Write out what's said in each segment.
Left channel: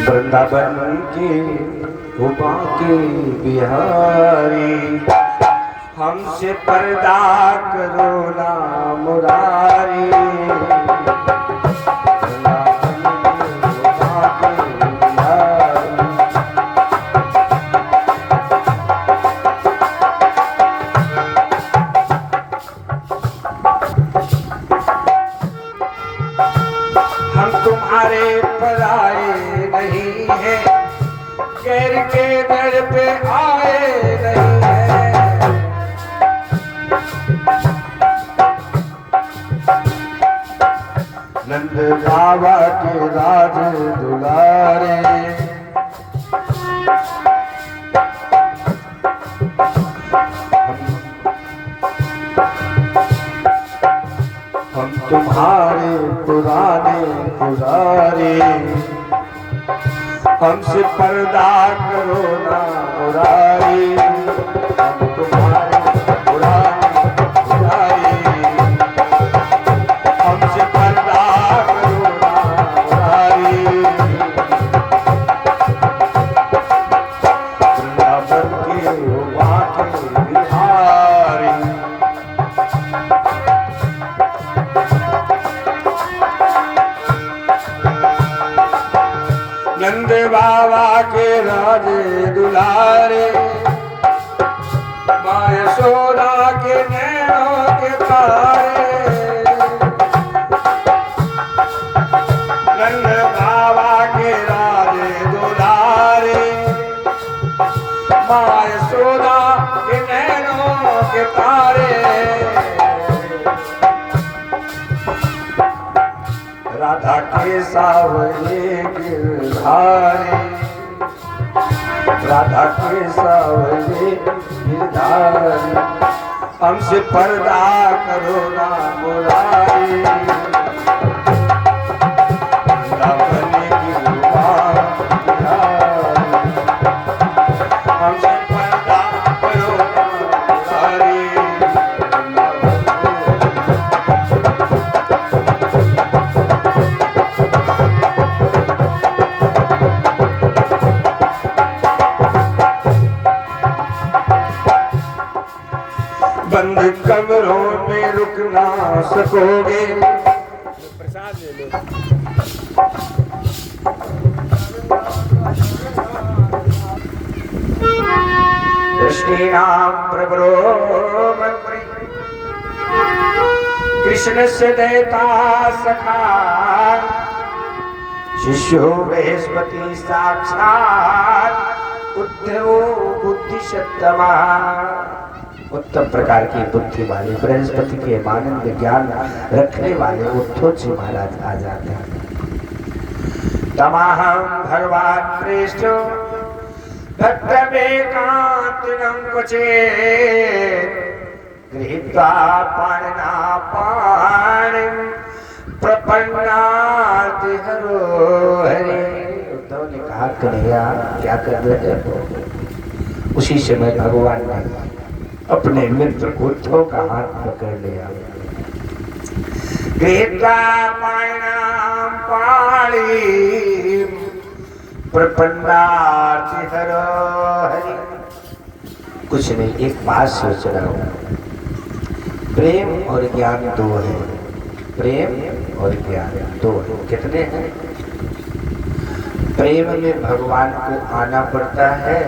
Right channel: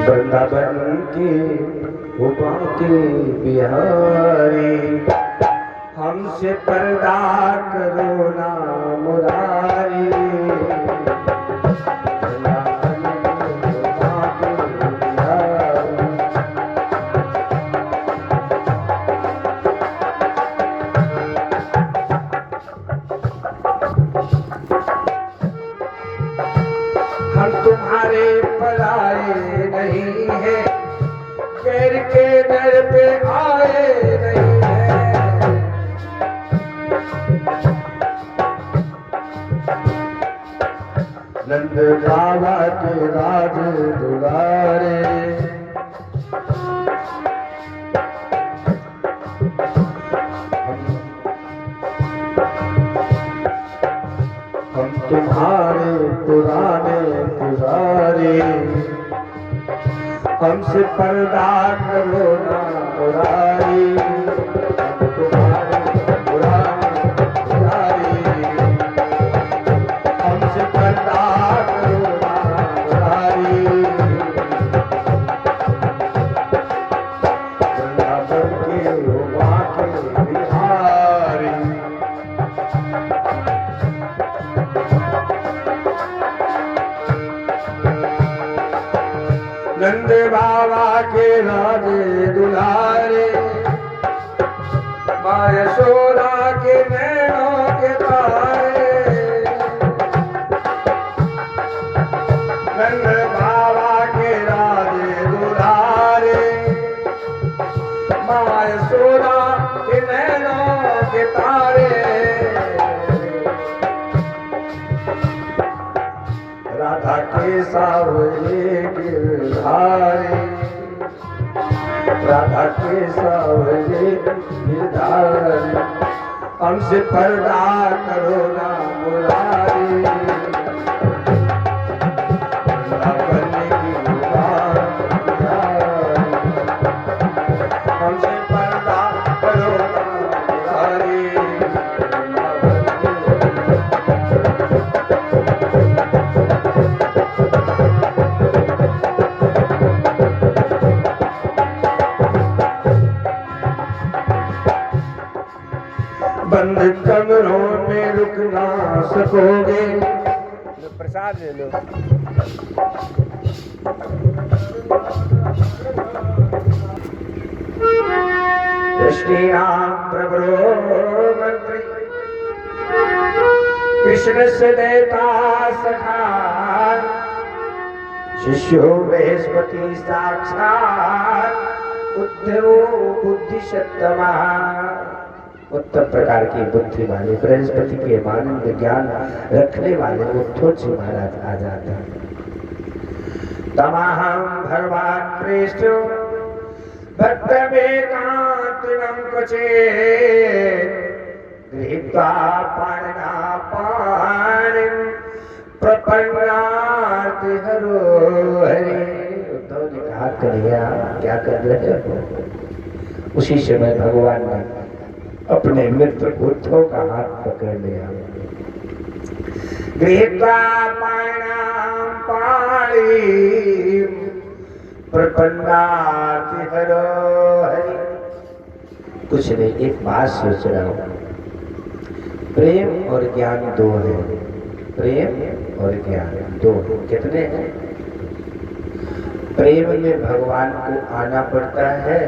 वृंदावन की उमा के बिहारी, हमसे पर्दा करो ना मुरारी। हम तुम्हारे पराए नहीं है, गैर के दर पे आए नहीं है। नंद बाबा के राज दुलारे, हम तुम्हारे पुराने पुजारी, हमसे पर्दा करो ना मुरारी। हम तुम्हारे पुराने पुजारी, हमसे पर्दा करो ना मुरारी। वृंदावन के उमा के बिहारी, नंद बाबा के राजे दुलारे, माँ यशोदा के नैनों के तारे। नंद बाबा के राजे दुलारे, माँ यशोदा के नैनों के तारे। राधा के सावरे गिरधारी, राधा के सावरे गिरधारी, हमसे पर्दा करो ना मुरारी। वृंदावन की उमा बिहारी, हमसे पर्दा करो ना मुरारी। बंद कमरों में रुक ना सकोगे, प्रसाद ले लो। कृष्णाम प्रभरो मंत्री, कृष्ण से देता सखा, शिष्यो बृहस्पति साक्षात, उद्धरो बुद्धि सत्तमा। उत्तम प्रकार की बुद्धि वाले बृहस्पति के आनंद ज्ञान रखने वाले उद्धव जी महाराज आ जाते हैं। तमाहम भगवान प्रेष्ठ भक्तमेकांतिनं कुचे, गृहीत्वा पाणिना पाणिं प्रपन्नाति हरो हरि। उद्धव ने कहा कन्हैया क्या कर रहे हो? उसी समय भगवान ने अपने मित्र उद्धव का हाथ पकड़ लिया। गृहीत्वा पाणिनां पाणिं प्रपन्नाति हरो हरि। कुछ नहीं, एक बात सोच रहा हूँ, प्रेम और ज्ञान दो है। प्रेम और ज्ञान दो है। कितने हैं? प्रेम में भगवान को आना पड़ता है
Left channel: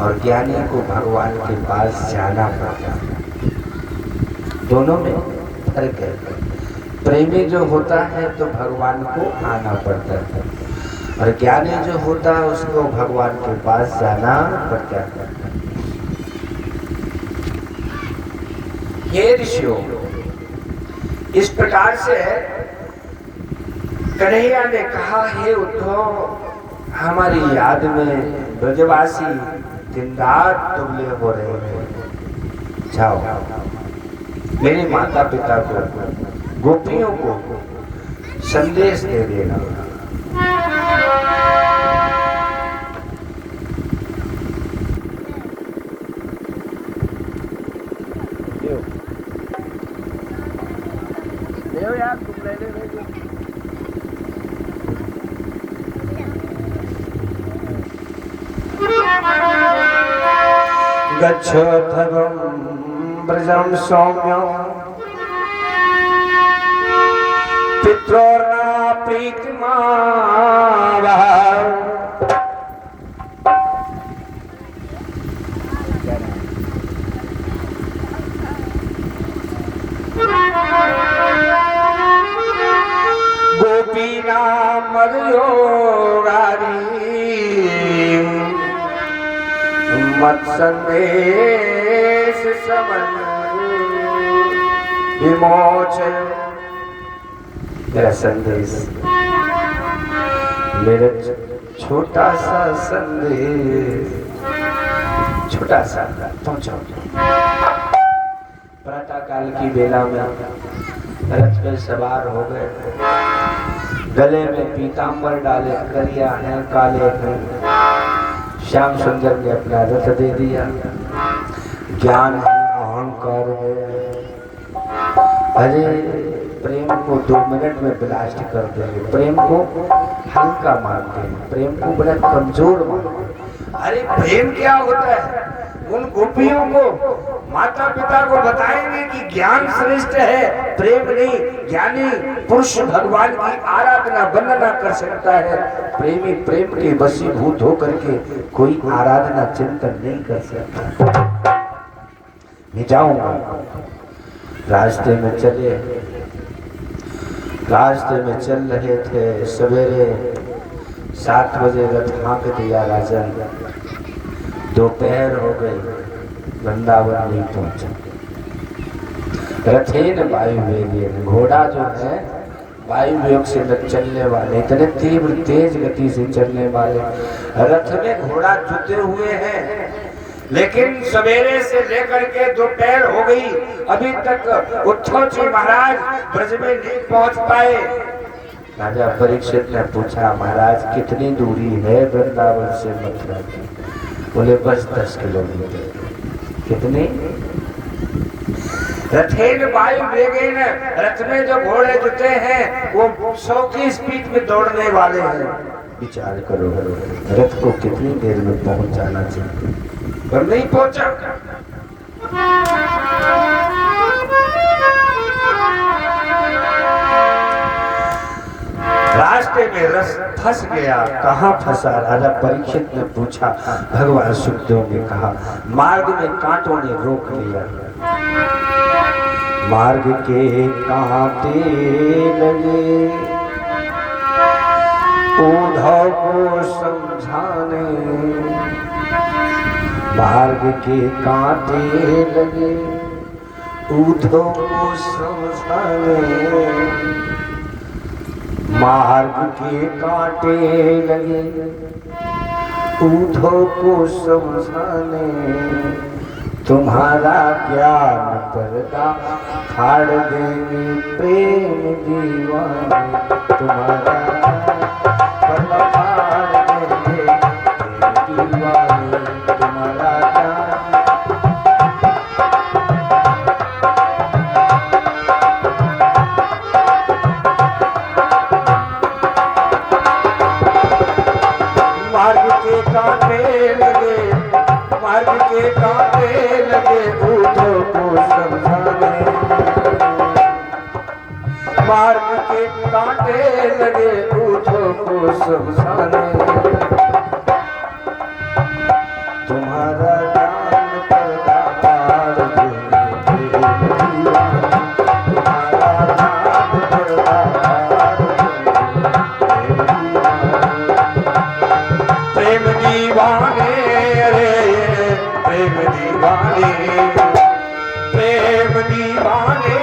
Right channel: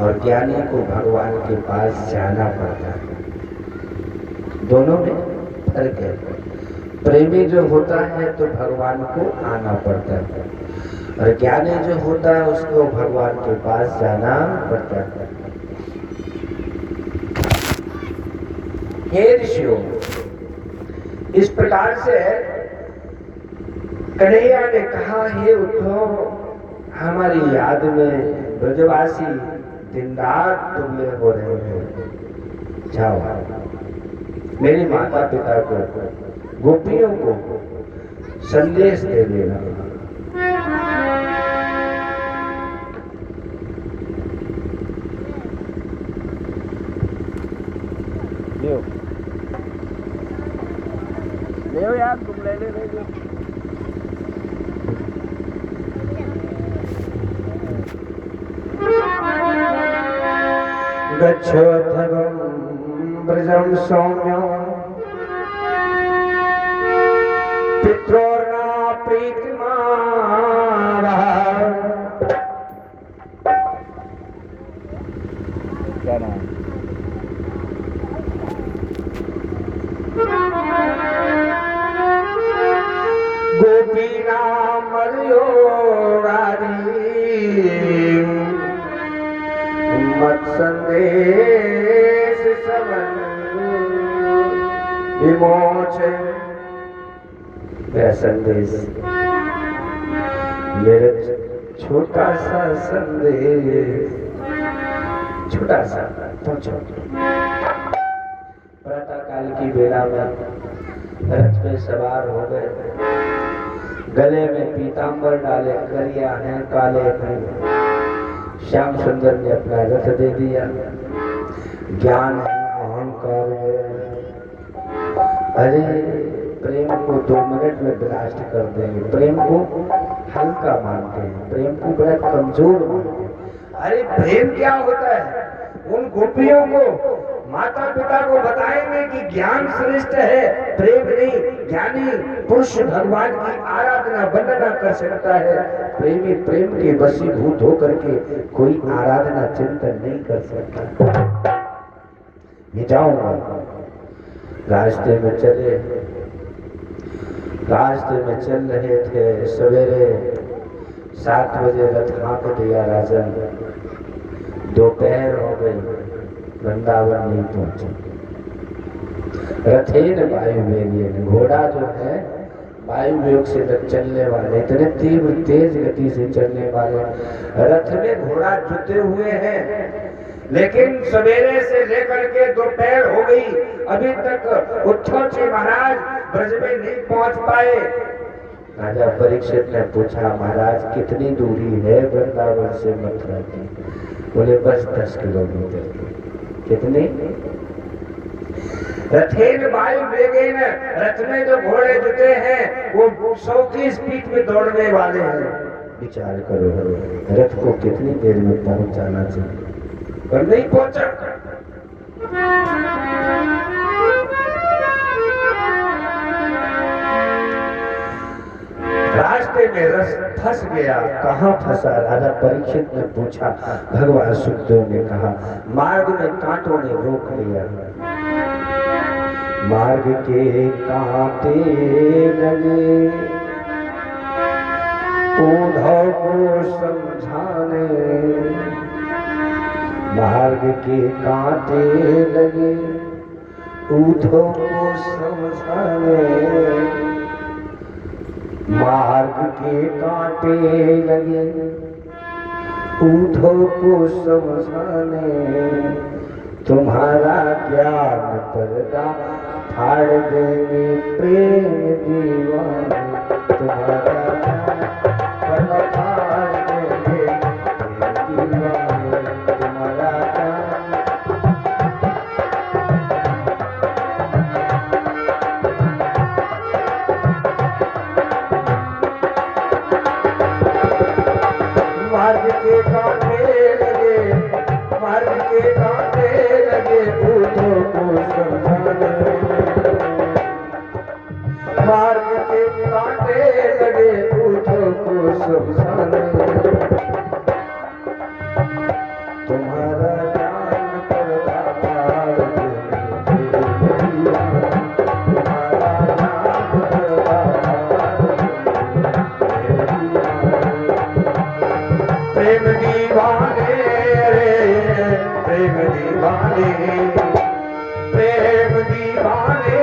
और ज्ञानी को भगवान के पास जाना पड़ता है। दोनों में फर्क है। प्रेमी जो होता है तो भगवान को आना पड़ता है, और ज्ञानी जो होता है उसको भगवान के पास जाना पड़ता है। हे ऋषियों, इस प्रकार से कन्हैया ने कहा, हे उद्धव, हमारी याद में ब्रजवासी दिन रात दुबले हो रहे हैं। जाओ मेरे माता पिता को, गोपियों को संदेश दे देना। ले यार, तुम ले ले। गच्छोद्धवं ब्रजं सौम्य पित्रोर्ना प्रीतिमा क्या नाम गोपीनाम मदयोरारी मत संदेश समन विमोचन। मेरा संदेश, मेरा छोटा सा संदेश, छोटा सा पहुंचो। प्रातः काल की बेला में रथ में सवार हो गए, गले में पीतांबर डाले, करिया है काले हैं। श्याम सुंदर ने अपना रथ दे दिया। ज्ञान है, अहंकार है। अरे प्रेम को 2 मिनट में ब्लास्ट कर देंगे, प्रेम को हल्का मानते हैं, प्रेम को बड़ा कमजोर मानते हैं। अरे प्रेम क्या होता है? उन गोपियों को माता पिता को बताएंगे कि ज्ञान श्रेष्ठ है, प्रेम नहीं। ज्ञानी पुरुष भगवान की आराधना वंदना कर सकता है, प्रेमी प्रेम के वशीभूत होकर के कोई आराधना चिंतन नहीं कर सकता। मैं जाऊंगा। रास्ते में चल रहे थे, सवेरे 7 बजे रथ हाँक दिया राजन। दोपहर हो गई, वृंदावन नहीं पहुंचा। रथेन वायुवेगेन, घोड़ा जो है वायु योग से चलने वाले, इतने तीव्र तेज गति से चलने वाले रथ में घोड़ा जुते हुए हैं। लेकिन सवेरे से लेकर के दोपहर हो गई, अभी तक उद्धव जी महाराज ब्रज में नहीं पहुंच पाए। राजा परीक्षित ने पूछा, महाराज कितनी दूरी है वृंदावन से मथुरा की? बोले बस 10 किलोमीटर। कितनी? रथेन वायु वेगेन, रथ में जो घोड़े जुटे हैं वो 100 की स्पीड में दौड़ने वाले हैं। विचार करो, रथ को कितनी देर में पहुंचाना चाहिए, पर नहीं पहुंचा। रास्ते में रस फंस गया। कहाँ फंसा? राजा परीक्षित ने पूछा। भगवान सुखदेव ने कहा, मार्ग में कांटों ने रोक लिया। मार्ग के कांटे लगे उद्धव को समझाने, मार्ग के कांटे लगे उद्धव को समझाने, मार्ग के कांटे लगे उद्धव को समझाने। तुम्हारा ज्ञान पर्दा फाड़ देंगे प्रेम दीवाने, तुम्हारा पर्दा फाड़ देंगे प्रेम दीवाने, तुम्हारा मार्ग के कांटे लगे, मार्ग के कांटे लगे उद्धव को समझाने, मार्ग के कांटे लगे उद्धव को समझाने। तुम्हारा ज्ञान पर्दा फाड़ देंगे तुम्हारा ज्ञान पर्दा प्रेम दीवाने रे, प्रेम दीवाने, प्रेम दीवाने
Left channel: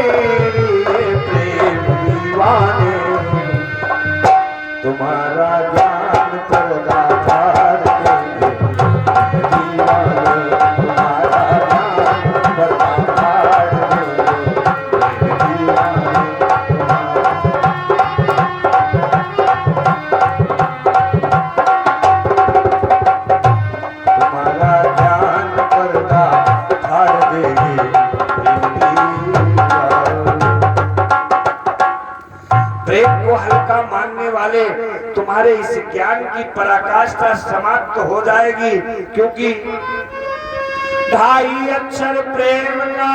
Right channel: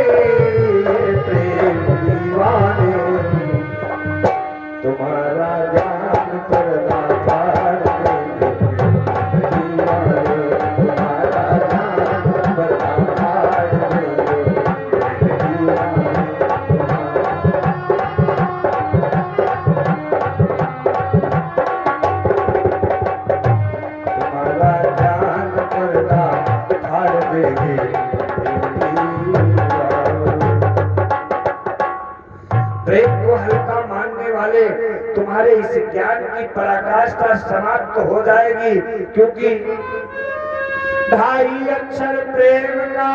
रे, प्रेम दीवाने। तुम्हारा ज्ञान पर्दा फाड़ देंगे दीवाने, तुम्हारा ज्ञान पर्दा फाड़ देंगे दीवाने। प्रेम को हल्का मानने वाले तुम्हारे इस ज्ञान की पराकाष्ठा समाप्त हो जाएगी, क्योंकि ढाई अक्षर प्रेम का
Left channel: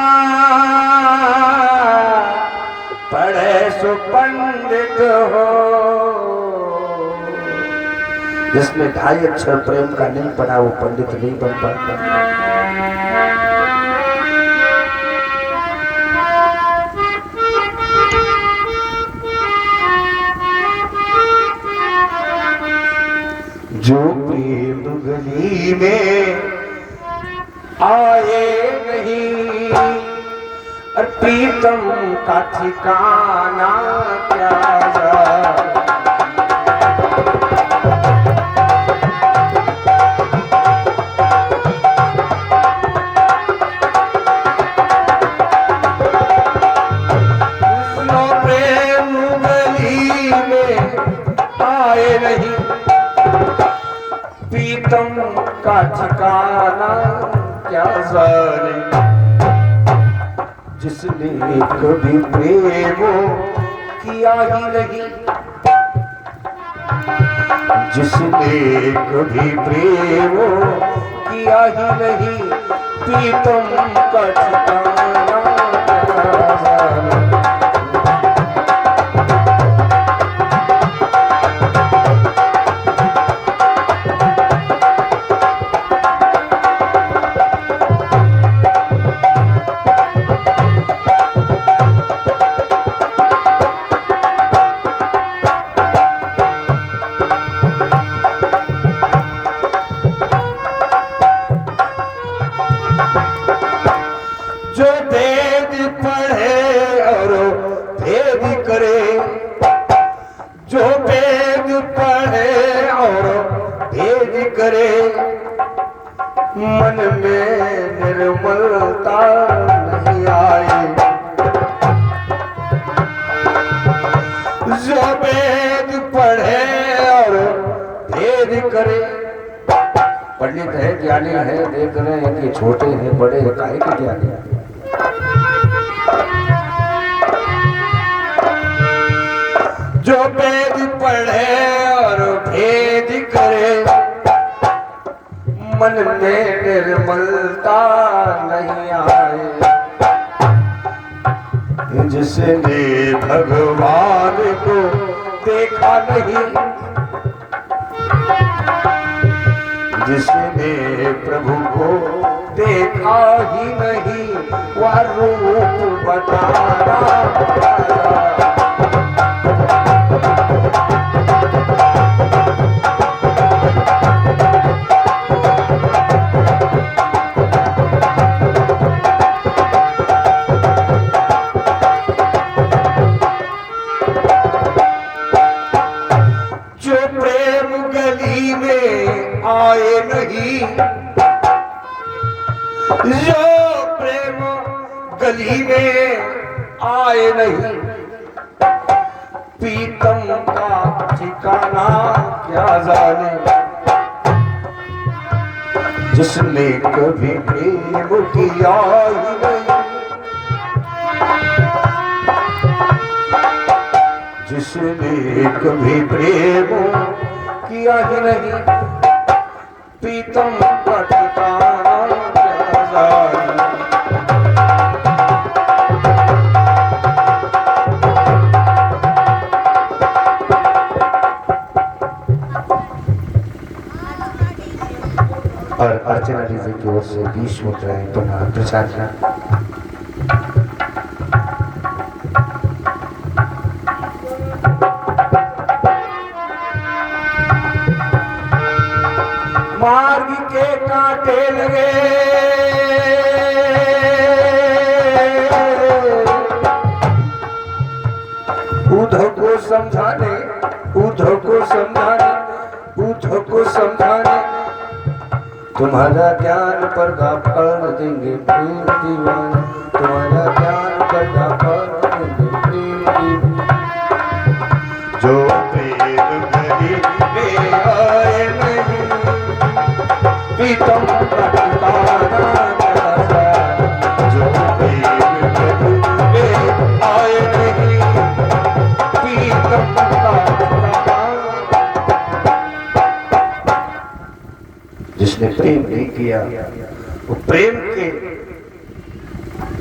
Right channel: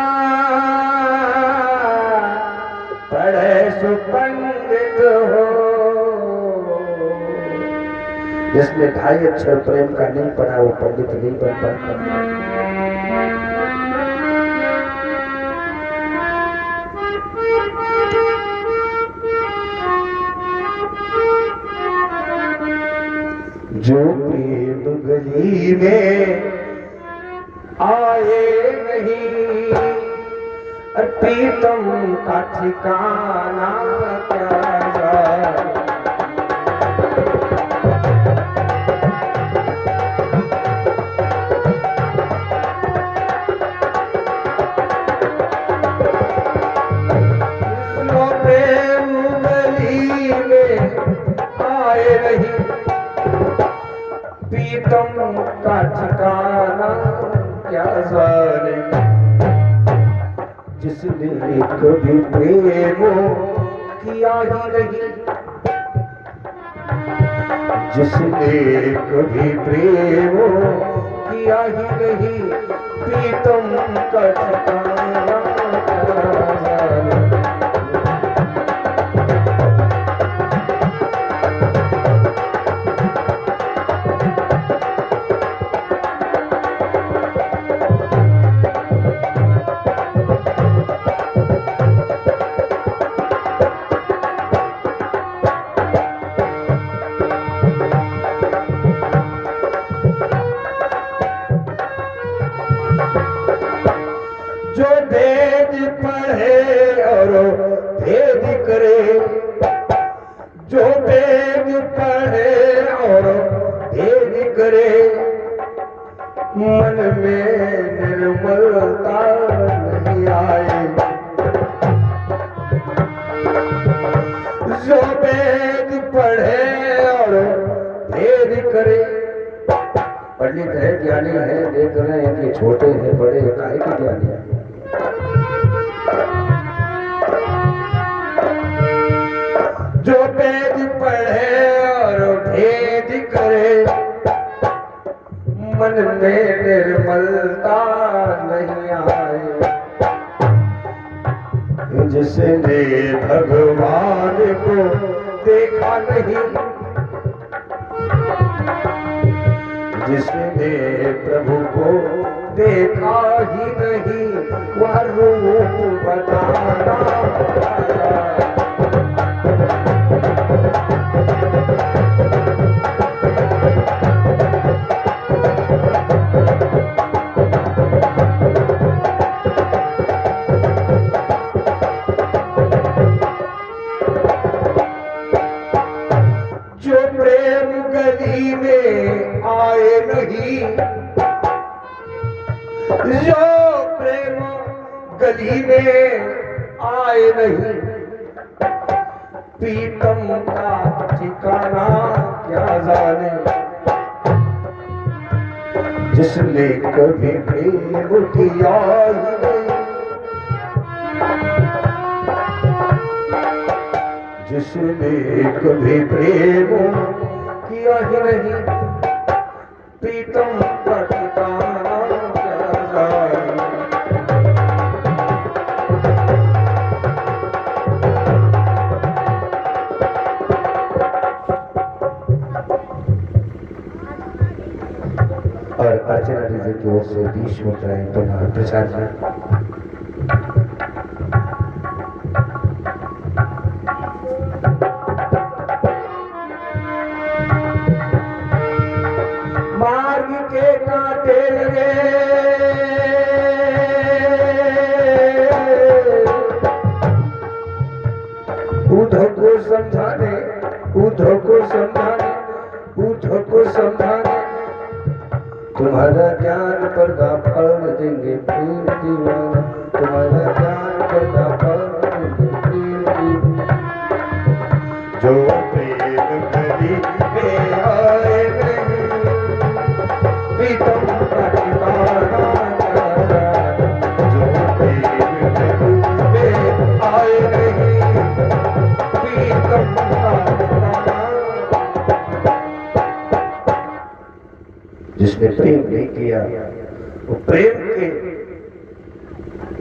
पढ़े सुपंडित हो। जिसने ढाई अक्षर प्रेम का नहीं पढ़ा वो पंडित नहीं बन पाता। जो प्रेम गली में आए नहीं और प्रीतम का ठिकाना क्या जाए। प्रेम गली में आए नहीं प्रीतम का ठिकाना क्या जाने। जिसने कभी प्रेम किया ही नहीं, जिसने कभी प्रेम किया ही नहीं प्रीतम का ठिकाना क्या जाने। जो वेद पढ़े और भेद करे, जो वेद पढ़े और भेद करे, मन में निर्मलता नहीं आए। जो वेद पढ़े और भेद करे, पंडित है ज्ञानी है देख रहे हैं कि छोटे हैं बड़े हैं काहे के ज्ञानी है। जो वेद पढ़े और भेद करे, मन में निर्मलता नहीं आए। जिसने भगवान को देखा नहीं, जिसने प्रभु को देखा ही नहीं, वह रूप बताना। जो प्रेम गली में आए नहीं, जो प्रेम गली में आए नहीं प्रीतम का ठिकाना क्या जाने। जिसने कभी प्रेम किया ही नहीं, जिसने कभी प्रेम किया ही नहीं प्रीतम का ठिकाना क्या जाने। और अर्चना जी की ओर से 20 मुद्राएं पुनः प्रसाद। मार्ग के कांटे लगे उद्धव को समझाने, उद्धव को समझाने, उद्धव को समझाने। तुम्हारा ज्ञान पर्दा फल देंगे फिर दीवाना, तुम्हारा ज्ञान पर्दा फल देंगे फिर दीवाना। जो प्रेम गली में आए नहीं प्रीतम का ठिकाना क्या जाने। जो प्रेम गली में आए नहीं प्रीतम का ठिकाना। जिसने प्रेम नहीं किया वो प्रेम के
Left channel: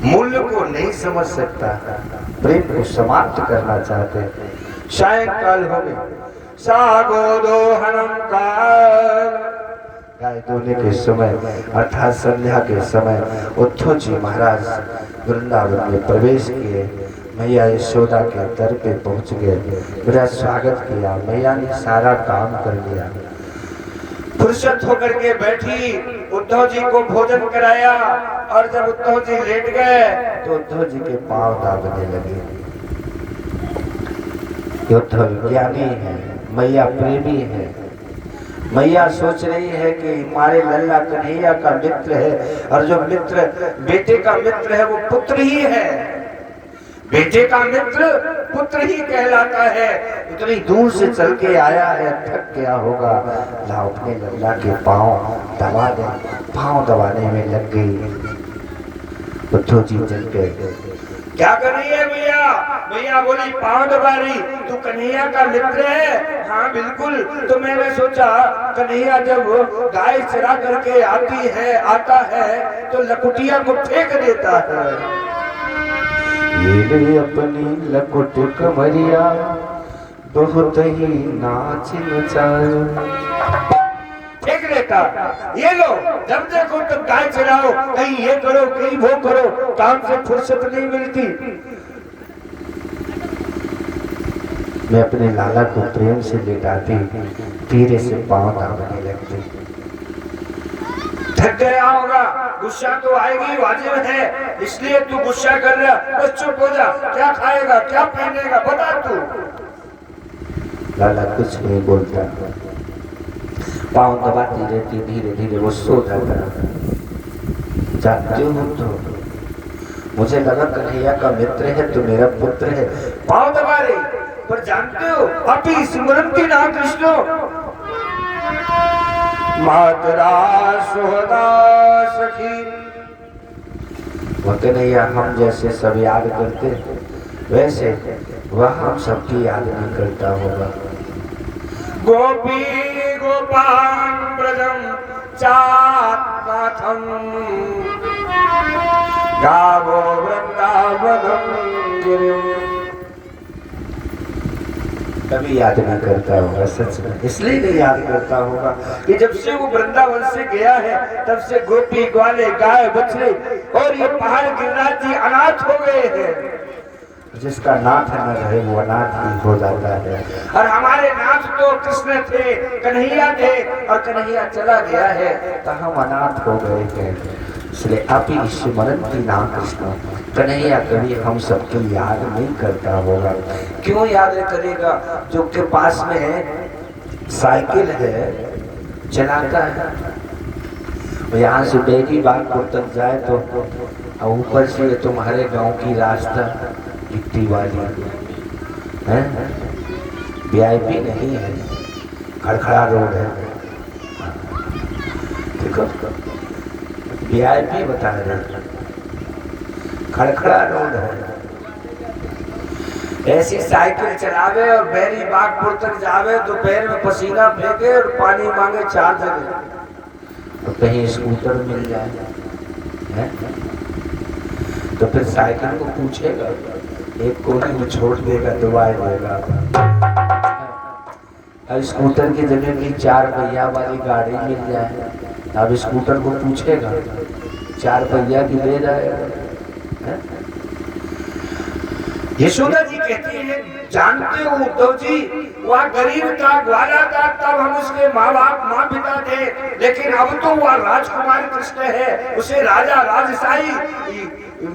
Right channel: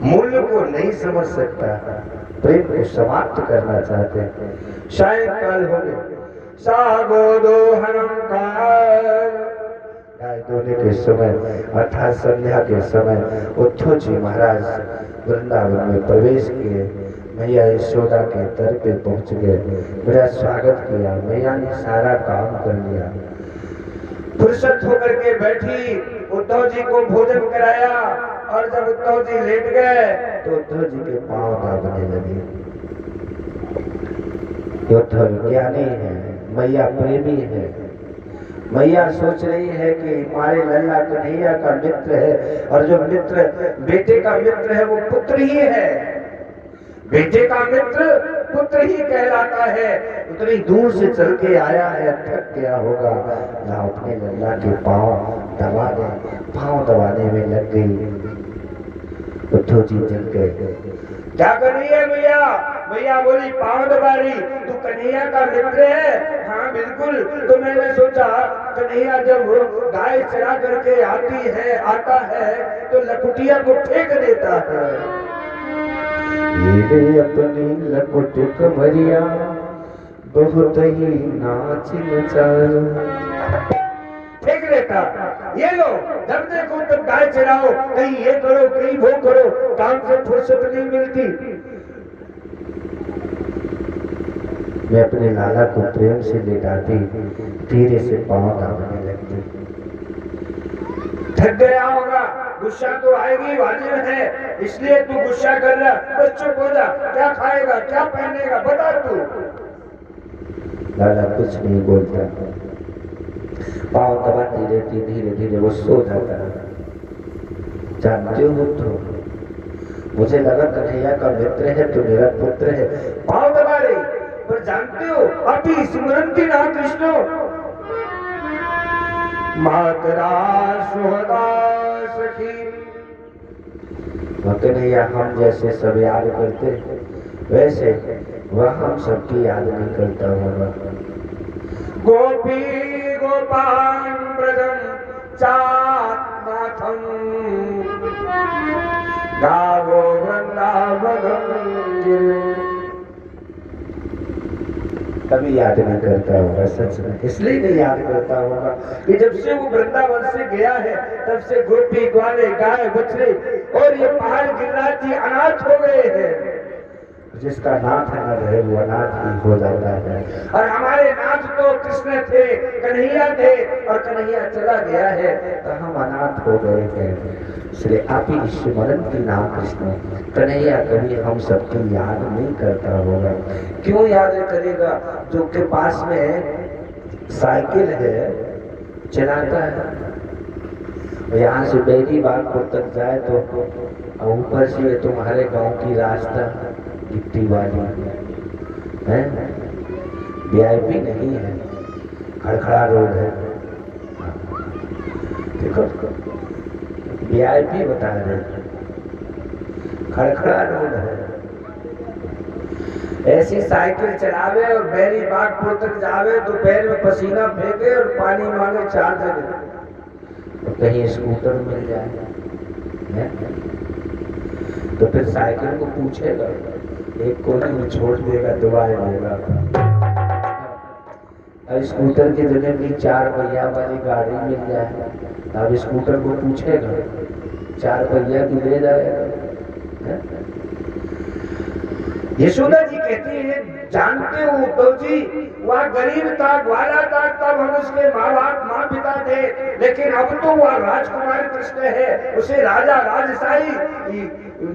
मूल्य को नहीं समझ सकता, प्रेम को समाप्त करना चाहते हैं। सायंकाल हो गए, सागो दोहनम काल, गाय धोने के समय अर्थात संध्या के समय उद्धव जी महाराज वृंदावन में प्रवेश किए। मैया यशोदा के दर पे पहुंच गए, बड़ा स्वागत किया। मैया ने सारा काम कर लिया, फुर्सत होकर के बैठी, उद्धव जी को भोजन कराया। और जब उद्धव जी लेट गए तो उद्धव जी के पांव दाबने लगे। उद्धव ज्ञानी है, मैया प्रेमी है। मैया सोच रही है कि हमारे लल्ला कन्हैया का मित्र है, और जो मित्र बेटे का मित्र है वो पुत्र ही है। बेटे का मित्र पुत्र ही कहलाता है। इतनी दूर से चल के आया है, थक गया होगा, लाओ अपने लल्ला के पांव दबा दे। पांव दबाने में लग गई। उद्धव जी जल गए, क्या कर रही है भैया? भैया बोली पांव दबा रही, तू कन्हैया का मित्र है? हाँ बिल्कुल। तो मैंने सोचा कन्हैया जब गाय चरा करके आता है तो लकुटिया को फेंक देता है। ये अपनी लकुट कमरिया बहुत ही नाच नचाओ, फेंक देता। ये लो, जब देखो तब गाय चराओ, कहीं ये करो कहीं वो करो, काम से फुर्सत नहीं मिलती। मैं अपने लाला को प्रेम से लेटाती, धीरे से पांव दाबने लगती। थक गया होगा, गुस्सा तो आएगी, वाजिब है, इसलिए तू गुस्सा कर रहा। बस चुप हो जा, क्या खाएगा क्या पहनेगा बता तू। लाला कुछ नहीं बोलता, पांव दबाती रहती। धीरे धीरे वो सो जाता। जानते हो तो मुझे लगा कन्हैया का मित्र है तो मेरा पुत्र है, पांव दबा रही, पर जानते हो अभी स्मृति नाम कृष्ण मातरा सुहदा सखी। वो कन्हैया हम जैसे सब याद करते, वैसे वह हम सबकी याद नहीं करता होगा। गोपी गोपान ब्रजम चात्माथम गावो वृंदावनम गिरिम। कभी याद नहीं करता होगा, सच में इसलिए नहीं याद करता होगा कि जब से वो वृंदावन से गया है तब से गोपी ग्वाले गाय बछड़े और ये पहाड़ गिरिराज जी अनाथ हो गए हैं। जिसका नाथ न रहे वो अनाथ ही हो जाता है। और हमारे नाथ तो कृष्ण थे, कन्हैया थे, और कन्हैया चला गया है तो हम अनाथ हो गए हैं। इसलिए आप ही स्मरण की नाम कृष्ण। कन्हैया कभी हम सबकी याद नहीं करता होगा। क्यों याद करेगा? जो के पास में साइकिल है चलाता है, यहाँ से डेरी बागपुर तक जाए तो ऊपर से तुम्हारे गांव की रास्ता गिट्टी वाली है, VIP नहीं है, खड़खड़ा रोड है। देखो VIP बता रहे, खड़खड़ा रोड है। ऐसी साइकिल चलावे और बैरी बागपुर तक जावे तो पैर में पसीना फेंके और पानी मांगे 4 जगह, तो कहीं स्कूटर मिल जाए है? तो फिर साइकिल को पूछेगा, एक कोने में छोड़ देगा, दबा देगा। अब स्कूटर की जगह की 4 पहिया वाली गाड़ी मिल जाए, अब स्कूटर को पूछेगा, 4 पहिया की ले जाएगा। यशोदा जी कहते हैं, जानते हो उद्धव जी, वह गरीब था, ग्वाला था, तब हम उसके माँ पिता थे, लेकिन अब तो वह राजकुमार कृष्ण है, उसे राजा राजशाही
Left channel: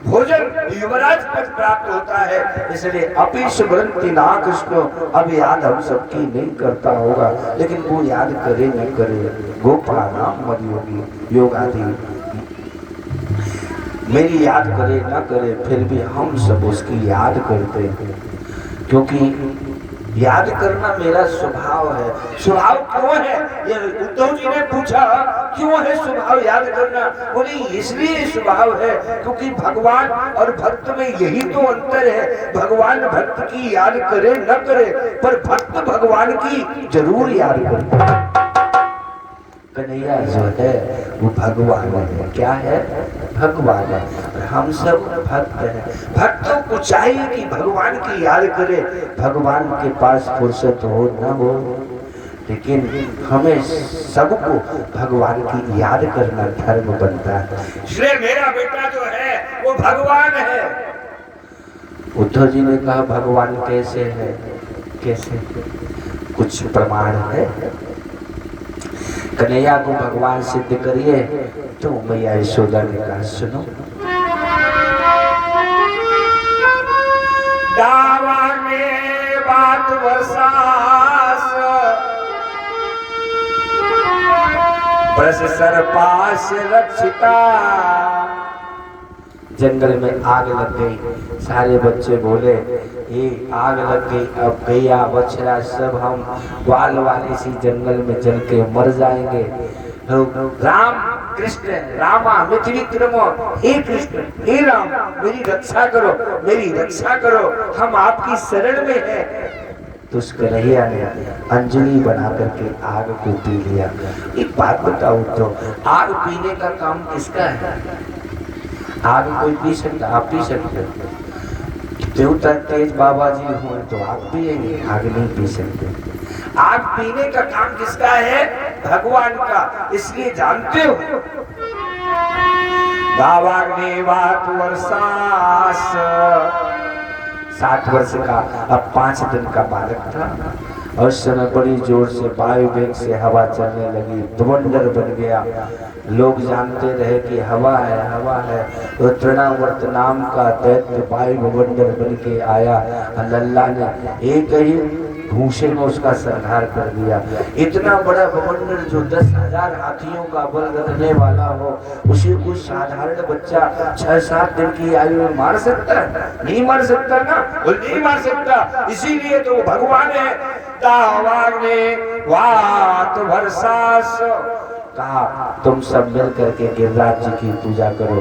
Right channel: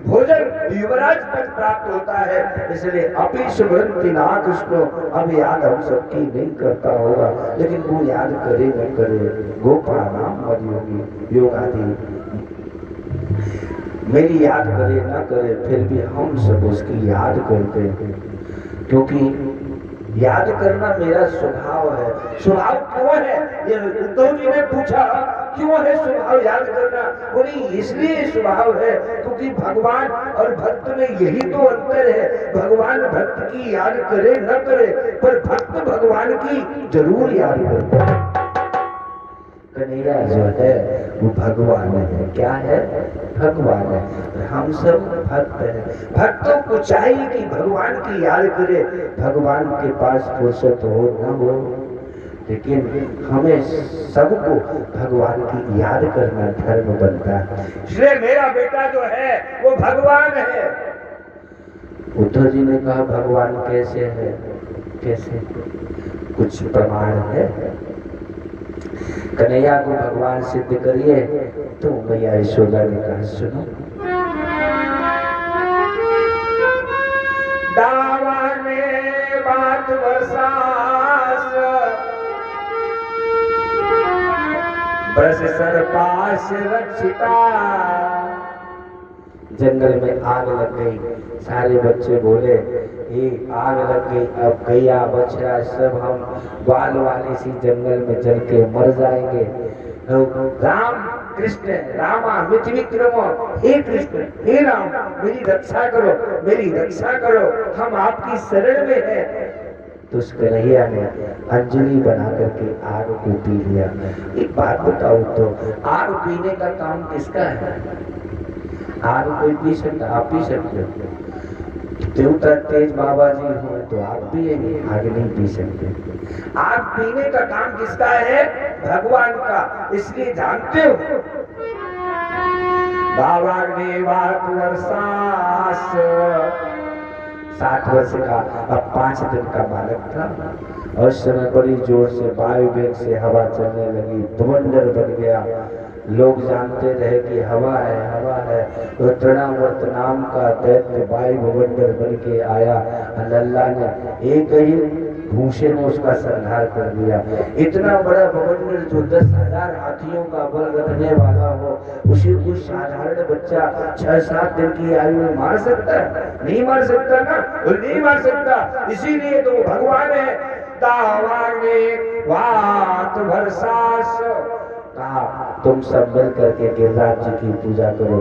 भोजन युवराज पद प्राप्त होता है। इसलिए अपी स्मृति ना कृष्ण, अब याद हम सबकी नहीं करता होगा, लेकिन वो याद करे न करे, गोपाल नाम मद योगी योगादि मेरी याद करे ना करे, फिर भी हम सब उसकी याद करते हैं, क्योंकि याद करना मेरा स्वभाव है। स्वभाव क्यों है? ये उद्धव जी ने पूछा, क्यों है स्वभाव याद करना? बोले इसलिए स्वभाव है क्योंकि भगवान और भक्त में यही तो अंतर है। भगवान भक्त की याद करे न करे, पर भक्त भगवान की जरूर याद करता है। कन्हैया जो है वो भगवान है। क्या है? भगवान है। और हम सब भक्त हैं। भक्तों को चाहिए कि भगवान की याद करे, भगवान के पास फुर्सत हो ना हो, लेकिन हमें सबको भगवान की याद करना धर्म बनता है। इसलिए मेरा बेटा जो है वो भगवान है। उद्धव जी ने कहा भगवान कैसे है? कैसे? कुछ प्रमाण है? कन्हैया को भगवान सिद्ध करिए। तो मैया यशोदा ने कहा सुनो, दावा में बात बरसास ब्रज सरपास रक्षिता। जंगल में आग लग गई। सारे बच्चे बोले ये आग लग गई, अब गैया बछड़ा सब हम बाल वाले सी जंगल में जल के मर जाएंगे। राम कृष्ण रामा मिथि विक्रमो, हे कृष्ण हे राम मेरी रक्षा करो, मेरी रक्षा करो, हम आपकी शरण में हैं। तो उस कन्हैया ने अंजलि बना करके आग को पी लिया। एक बात बताओ तो आग पीने का काम किसका है? आग कोई पी सकता? आप पी सकते हो? देवता तेज बाबा जी हो तो आग पिएंगे, आग नहीं पी सकते। आग पीने का काम किसका है? भगवान का। इसलिए जानते हो दावाग्नि वात वर्षास 60 वर्ष का अब 5 दिन का बालक था। और उस समय बड़ी जोर से वायु वेग से हवा चलने लगी, बवंडर बन गया। लोग जानते रहे कि हवा है, हवा है। तो तृणावर्त नाम का दैत्य वायु बवंडर बन के आया। अल्लाह ने एक ही भूसे में उसका संहार कर दिया। इतना बड़ा बवंडर जो 10,000 हाथियों का बल रखने वाला हो, उसे कुछ साधारण बच्चा 6-7 दिन की आयु में मार सकता है? नहीं मार सकता ना, वो नहीं मार सकता। इसीलिए तो भगवान है। वात वर्षास कहा तुम सब मिल करके गिरिराज जी की पूजा करो,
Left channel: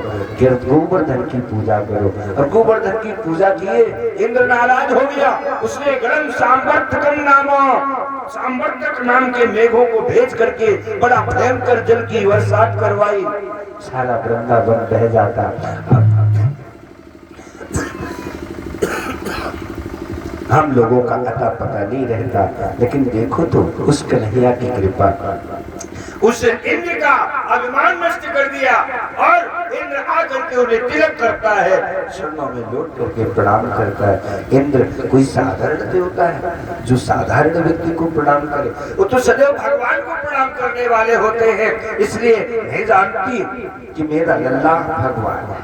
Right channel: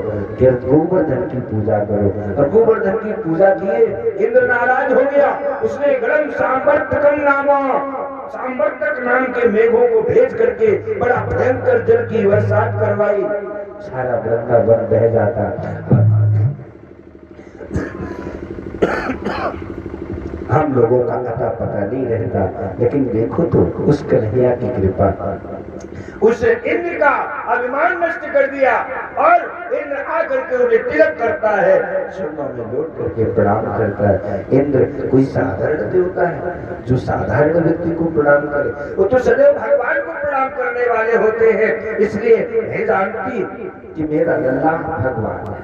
गोवर्धन की पूजा करो। और गोवर्धन की पूजा किए, इंद्र नाराज हो गया। उसने गणम सांवर्तकम सांवर्तक नाम के मेघों को भेज करके बड़ा भयंकर जल की बरसात करवाई। सारा वृंदावन बह जाता। हम लोगों का अता पता नहीं रहता, लेकिन देखो तो उस कन्हैया की कृपा, उस इंद्र का अभिमान नष्ट कर दिया। और इंद्र आकर के उन्हें तिलक करता है, शर्मा में लौट करके प्रणाम करता है। इंद्र कोई साधारण देवता है जो साधारण व्यक्ति को प्रणाम करे? वो तो सदैव भगवान को प्रणाम करने वाले होते हैं। इसलिए मैं जानती कि मेरा लल्ला भगवान है।